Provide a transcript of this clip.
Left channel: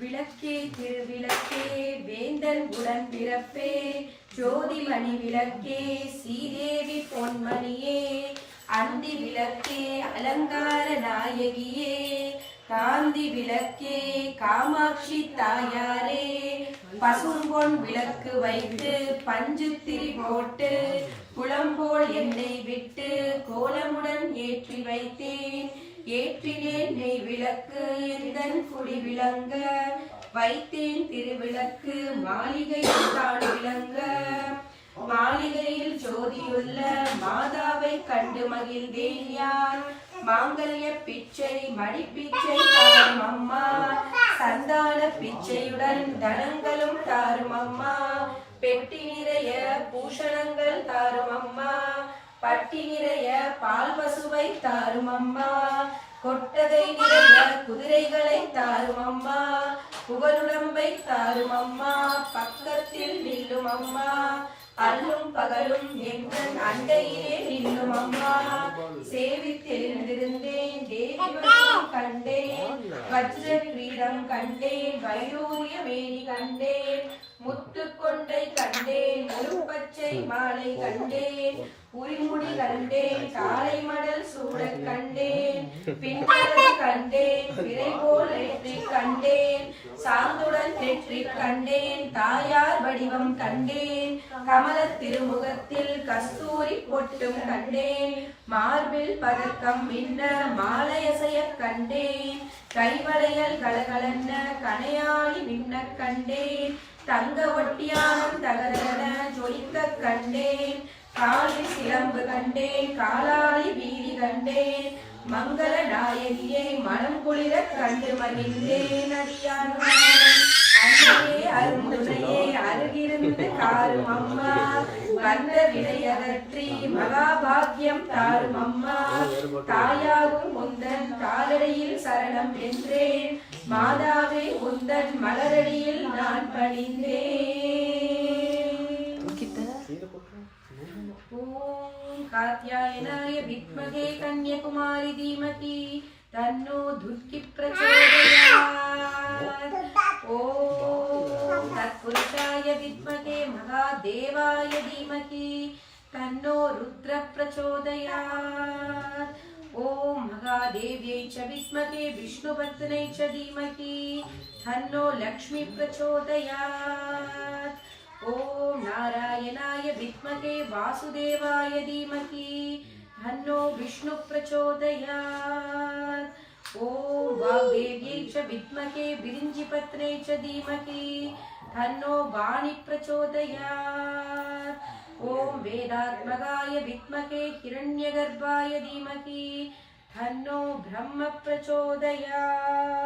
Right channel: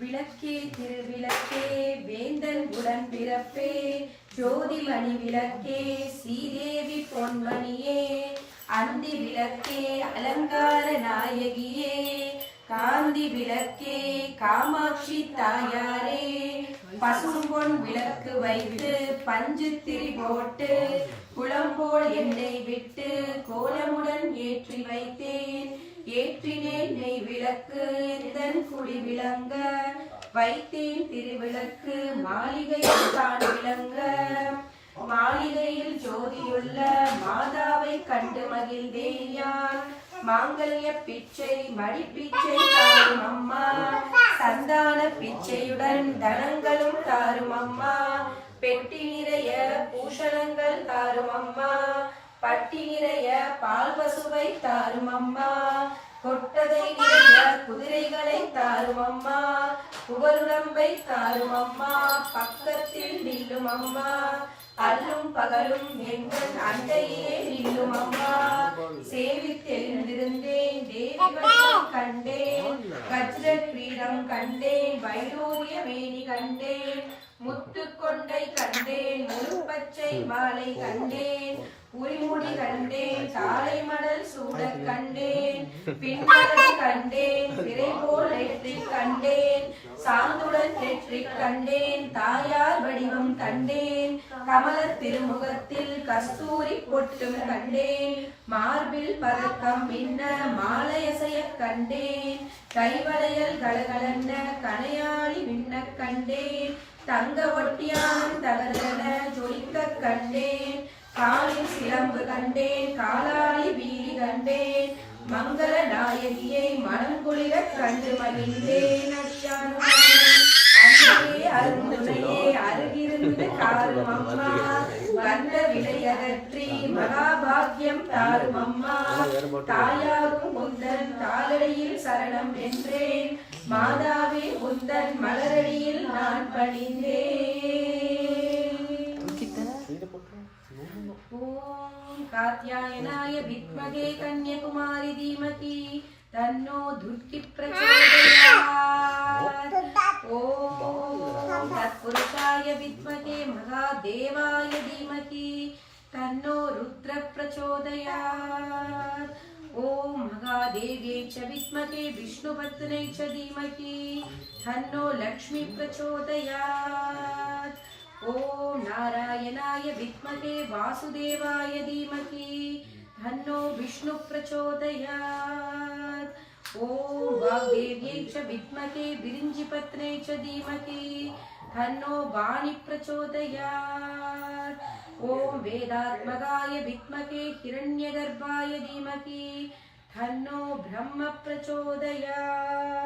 விளக்கே திருவிளக்கே வேந்தன் உடன் பிறப்பே ஜோதிமணி விளக்கே ஸ்ரீதேவி பொன்மணியே அந்தி விளக்கே அலங்கார நாயகியே காந்தி விளக்கே காமாட்சி தாயாரே பசும்பொன் விளக்கு வைத்து பஞ்சு திரி போட்டு குளம்போல் எண்ணெய் விட்டு கோலமுடன் ஏற்றி வைத்தேன் ஏற்றினேன் நெய் விளக்கு எந்தன் குடி விளங்க வைத்தேன் திருவிளக்கு மாளிகையில் தான் விளங்க மாளிகையில் ஜோதியுள்ள மாதாவை கண்டு மகிழ்ந்தேன் யான் மாங்கல்ய பிச்சை மடிப்பிச்சை தாரும் அம்மா சந்தான பிச்சையுடன் தனங்களும் தாரும் அம்மா பெட்டி நிறைய பூஷணங்கள் தாரும் அம்மா பட்டி நிறைய பால் பசுவை தாரும் அம்மா கொட்டகை நிறைய குதிரைகளை தாரும் அம்மா புகழுடம்பை தாரும் அம்மா பக்கத்தில் நில்லும் அம்மா அல்லும் பகலும் எங்கள் அண்டையிலே நில்லும் அம்மா சேவித்தெழுந்திருந்தேன் தேவி கண்டேன் வஜ்ர கிரீடம் கண்டேன் வைடூரிய மேனி கண்டேன் முத்து கொண்டை கண்டேன் முழுப்பச்சை மாலை கண்டேன் உரிமுடி கண்டேன் காலை மடல் சூட கண்டேன் பின்னலை கண்டேன் பிறை போல் நெற்றி கண்டேன் சாந்துடன் நெற்றி கண்டேன் தாயார் வடிவம் கண்டேன் கமல திருமுகத்தில் கஸ்தூரி பொட்டும் கண்டேன் மார்பில் பதக்கம் மின்ன மாலையசைய கண்டேன் கைவளையல் கலகலன்ன கணையாளி மின்ன கண்டேன் தங்க ஒட்டியானம் தகதென ஜொலிக்க கண்டேன் காலில் சிலம்பு கண்டேன் காலாளி வீதி கண்டேன் மங்கள நாயகியை மனம் குளிர கண்டு மகிழ்ந்தேன் அன்னையே அருந்துணையே அருகிருந்து காரும் அம்மா வந்த விலையகற்றி மகாபாகியம் தாரும் அம்மா தாயாரும் முந்தன் தாளடியில் சரணம் என்றேன் மாதாவே முந்தன் மலரடியில் நான் பணிந்தேன். ஓம் காத்யாயனாய வித்மகே கன்யகுமாரி தீமகி தன்னோ துர்க்கி பிரச்சோதயாத். ஓம் தத்புருஷாய வித்மகே மகாதேவாய தீமகி தன்னோ ருத்ர பிரச்சோதயாத். ஓம் மகாதேவ்யை ச வித்மகே விஷ்ணுபத்னை ச தீமகி தன்னோ லக்ஷ்மி பிரச்சோதயாத். ஓம் நாராயணாய வித்மகே வாசுதேவாய தீமகி தன்னோ விஷ்ணு பிரச்சோதயாத். ஓம் வாக்தேவ்யை ச வித்மகே விரிஞ்சிபத்னை ச தீமகி தன்னோ வாணி பிரச்சோதயாத். ஓம் வேதாத்மகாய வித்மகே ஹிரண்யகர்பாய தீமகி தன்னோ பிரம்ம பிரச்சோதயாத்.